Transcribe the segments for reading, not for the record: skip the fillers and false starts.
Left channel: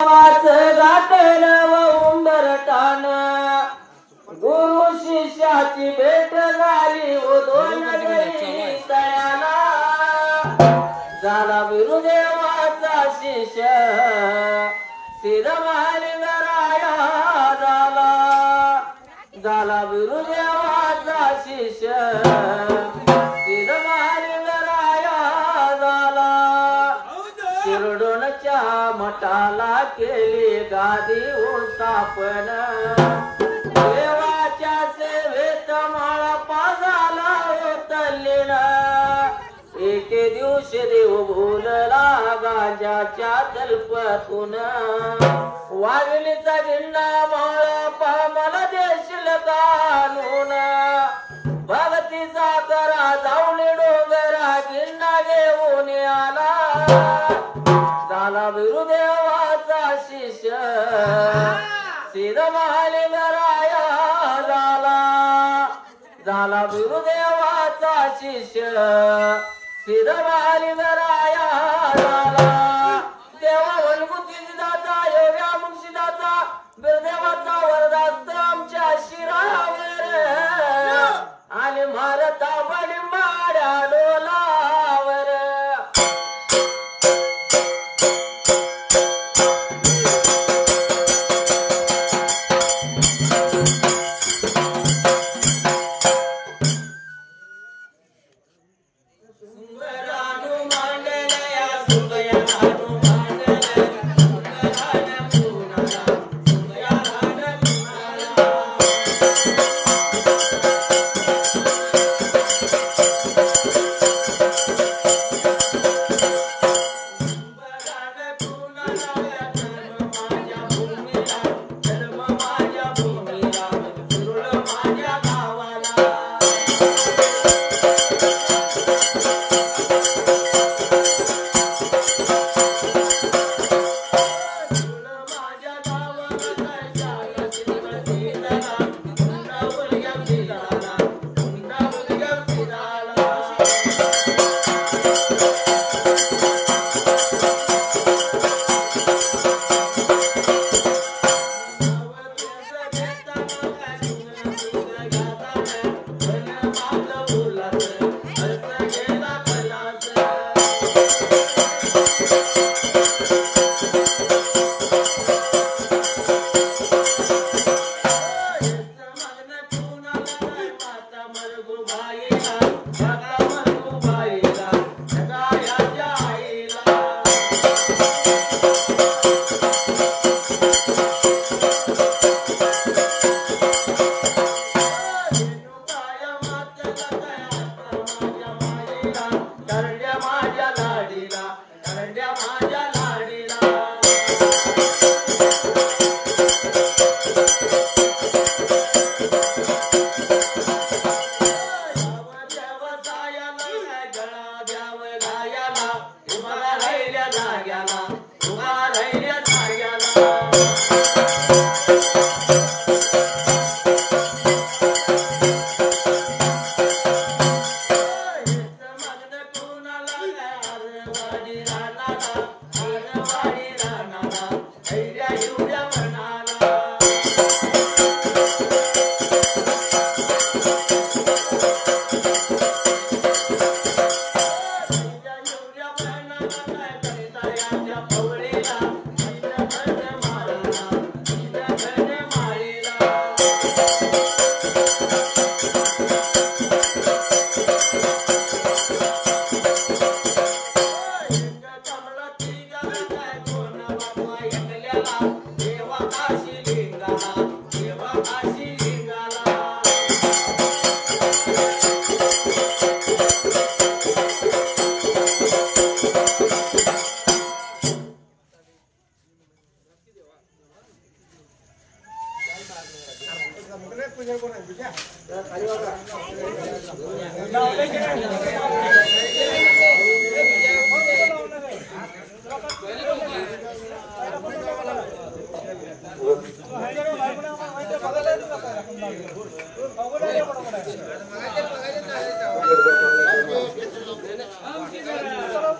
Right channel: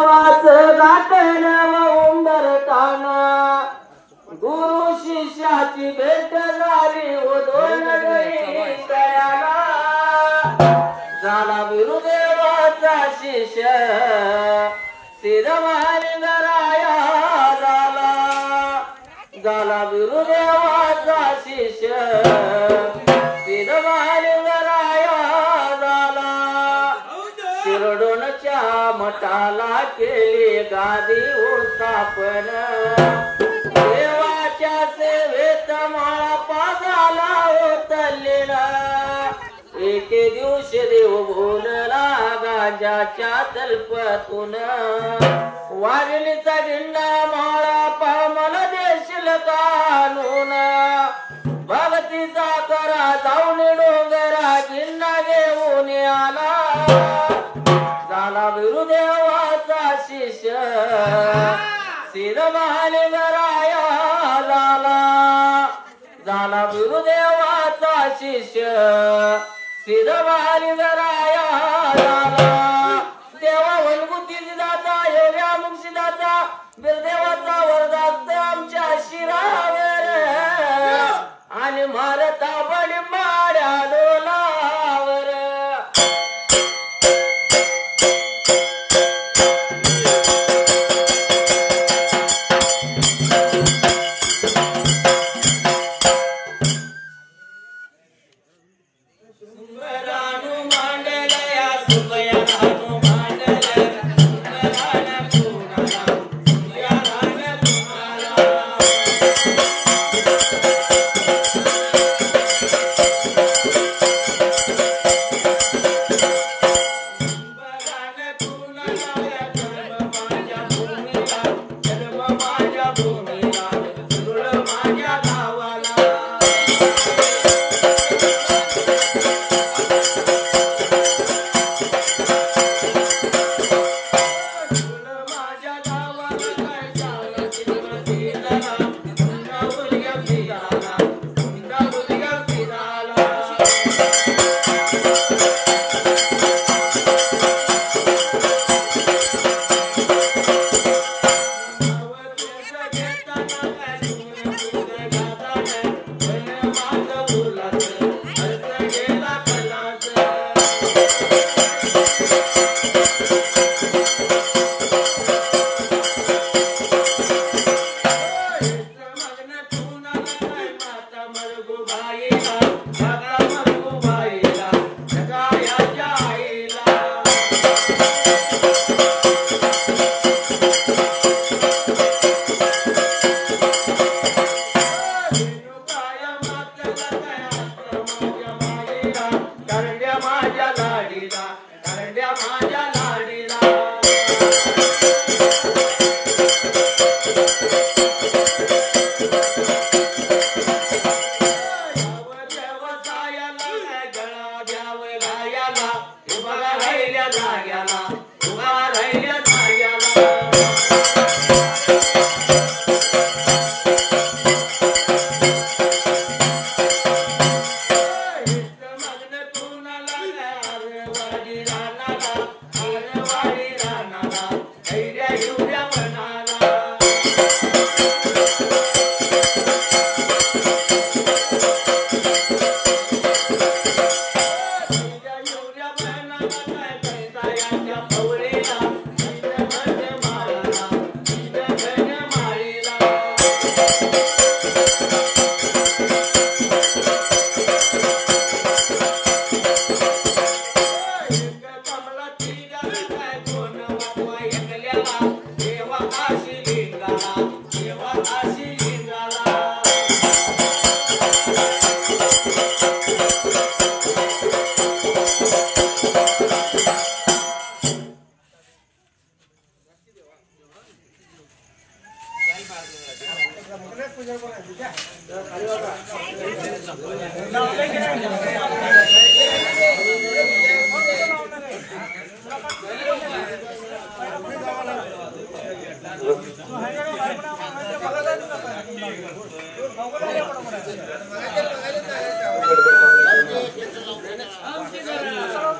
गाठण उंबरठाण गुरु शिष्याची भेट झाली दोन गरी तळ्याला झाला गुरुदेवाचा शिष्य सिद्धमहालिंगराया झाला गुरुदेवाचा शिष्य सिद्धमहालिंगराया झाला शिरडोणच्या मठाला केली गादी स्थापन देवाच्या सेवेत माळा पाजाला उतरलेला एके दिवशी देव बोलला गांजाच्या तल्पातून वाघिणीचा गिंडा माळा पा मला देशील कानून भक्तीचा करा जाऊन डोंगरा गिंडा घेऊन आला झाला गुरुदेवाचा शिष्य सिद्धमहालिंगराया झाला गुरुदेवाचा शिष्य सिद्धमहालिंगराया झाला देवा वनगुतीदाचा एवढ्या मुक्षिदाचा गुरुदेवाचा वरदास्त आमच्या शिरावर आणि मारता बडी माड्या डोलावर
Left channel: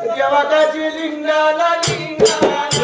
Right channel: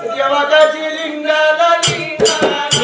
देवाची लिंगाला लिंगाला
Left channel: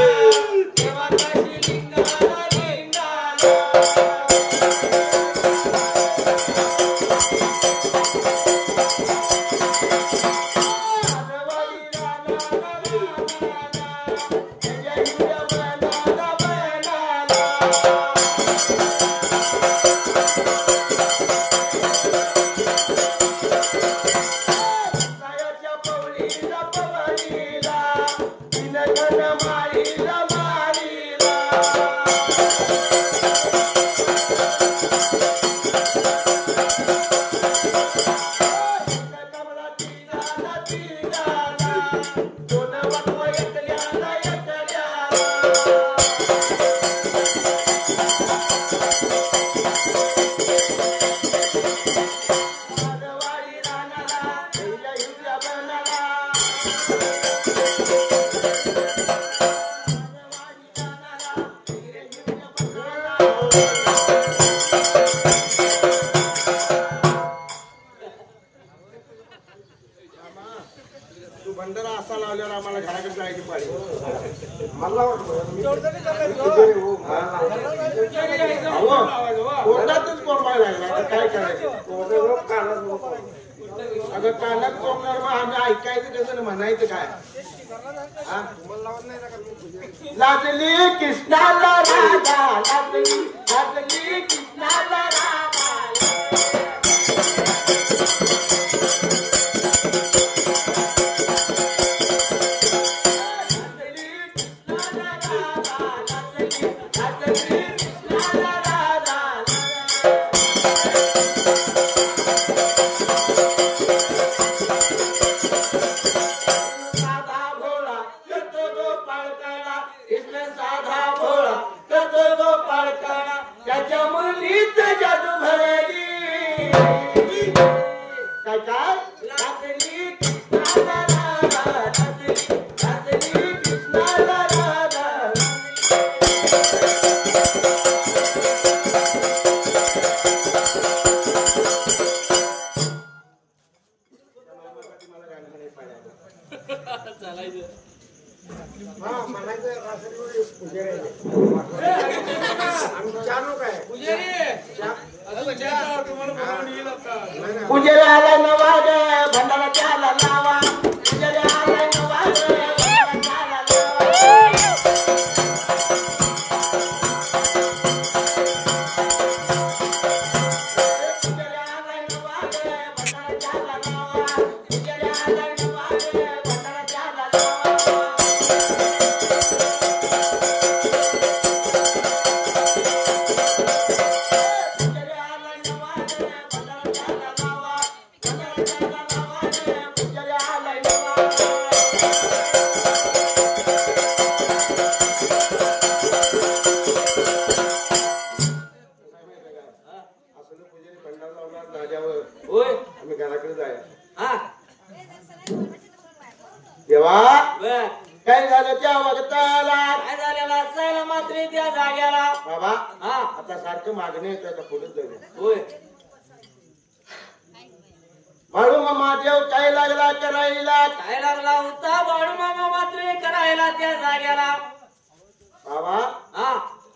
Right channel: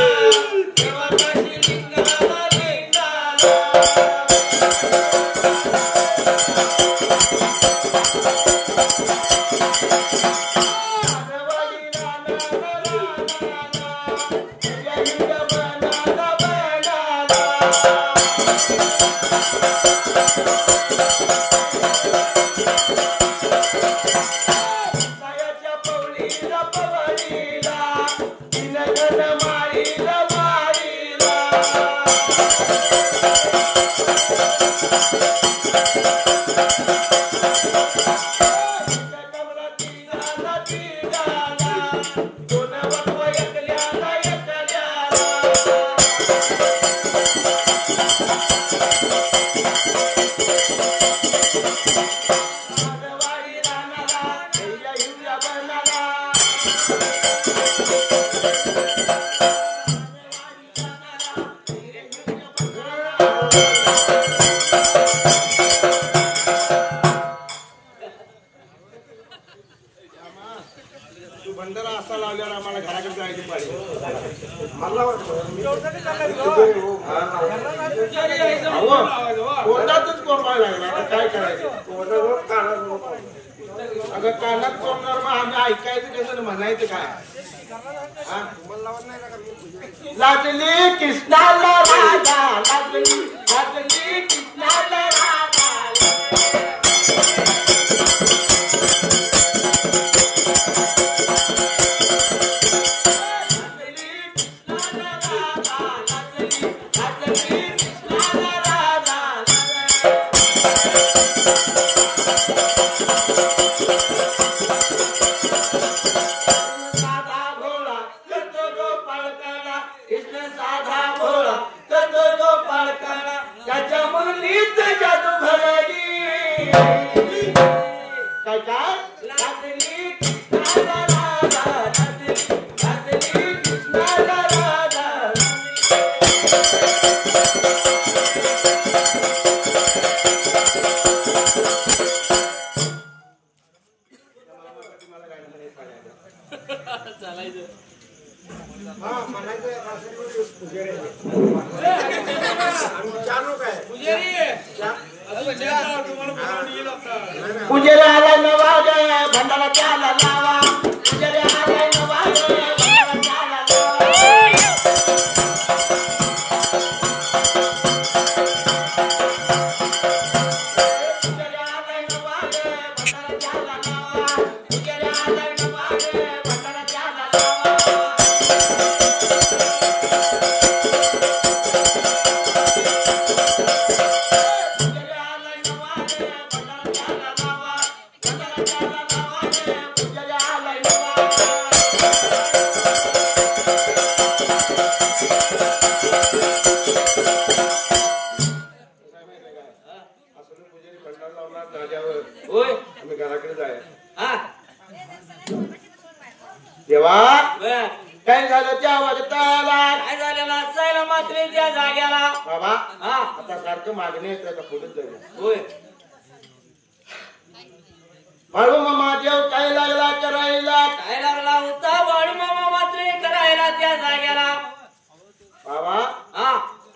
बंदरा असा लावल्यावर आम्हाला घराकडे जायची पाहिजे मला कोर्टातच कोरवाय लागला आता काय करायचं अगं कानात कोरणार मग आम्ही ऐकायचं कसं म्हणायचं काय लागली कृष्णाला राधा लागली लागली कृष्णाला राधा पुजारी आलाय नवा भंडारा त्याला लावा पुजारी आलाय नवा भंडारा त्याला देवा काय झालं त्या वाजताला काय झालेला जायला मात्र त्या जाग्याला बाबा आता सारखं मागणी येत का पुढेच जाऊया होय बाळू मामा देव काय लागला करायला काय लागला होता बाळू मामा मात्र करायला त्या जाग्याला बाबा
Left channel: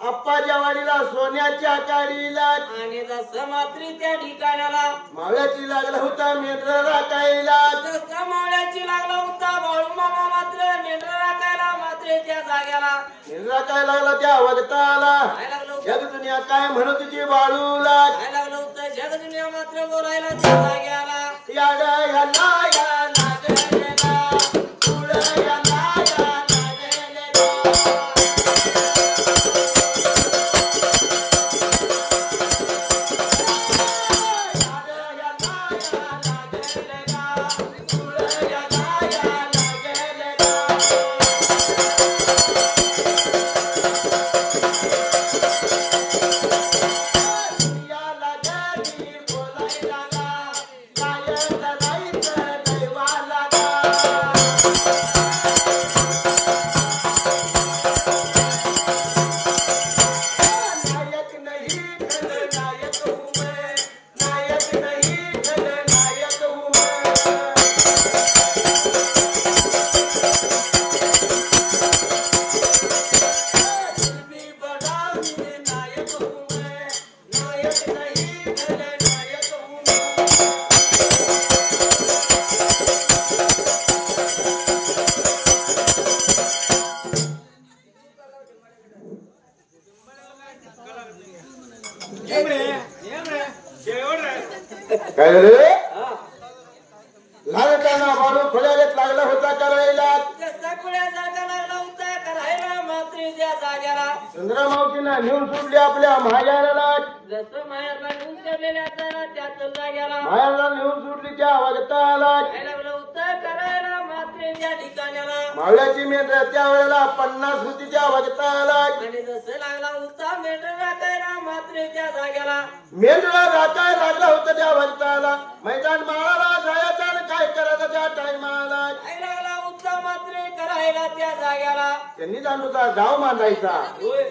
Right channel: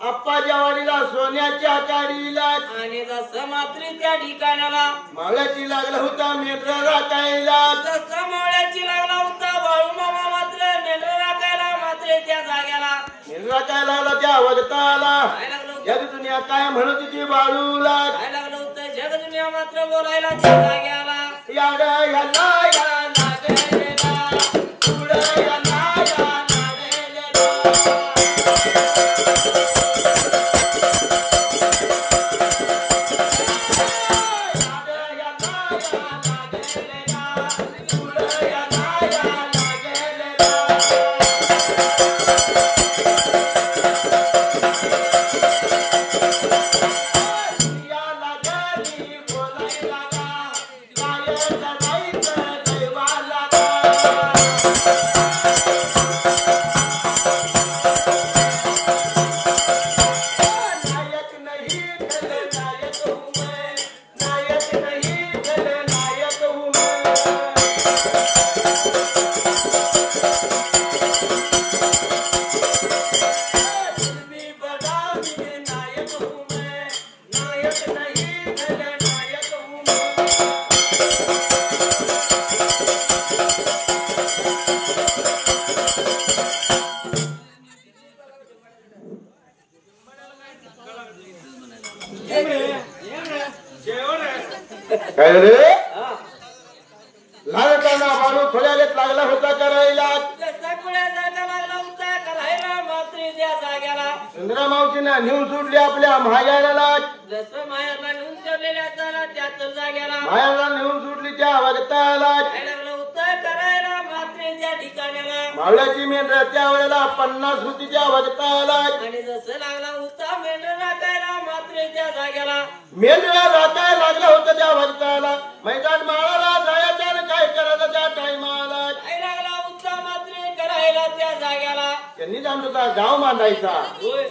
आप्पाच्या वाडीला सोन्याच्या काडीला आणि जसं मात्र त्या ठिकाणाला मावळ्याची लागला होता मेंढरा राखायला जसं मावळ्याची लागला होता बाळू मामा मात्र मेंढरा राखायला मात्र त्या जाग्याला मेंढरा काय लागला त्या वाजताला काय लागलं होतं जग दुनिया काय म्हणत होती बाळूला काय लागलं होतं जग दुनिया मात्र बोलायला त्या जाग्याला याडा याला या लागलेला पुढे याला या लागलेला काय झालं लागत आहे ना बाळू खोल्यालेच लागला होता करायला जसा कुळ्यासारखा लागला होता करायला मात्र त्या जाग्याला सुंदरा मावशीना नेऊन सोडली आपल्या महायाला जसं मायाला नेऊन ठेवलेल्या असताना त्याच जाग्याला मायाला नेऊन सोडली त्या वागताला काय लागलं होतं करायला मात्र त्या ठिकाण्याला मावळ्याची मेंढर त्या वेळेला 50 होती त्या वागताला आणि जसं लागला होता मेंढर राखायला मात्र त्या जाग्याला मेंढरा राखाय लागला होता त्या वागताला मैदान माळाला जायचं आणि काय करायचं त्या टायमाला काय लागला होता मात्र करायला त्या जाग्याला त्यांनी आमचा गाव मांडायचा होय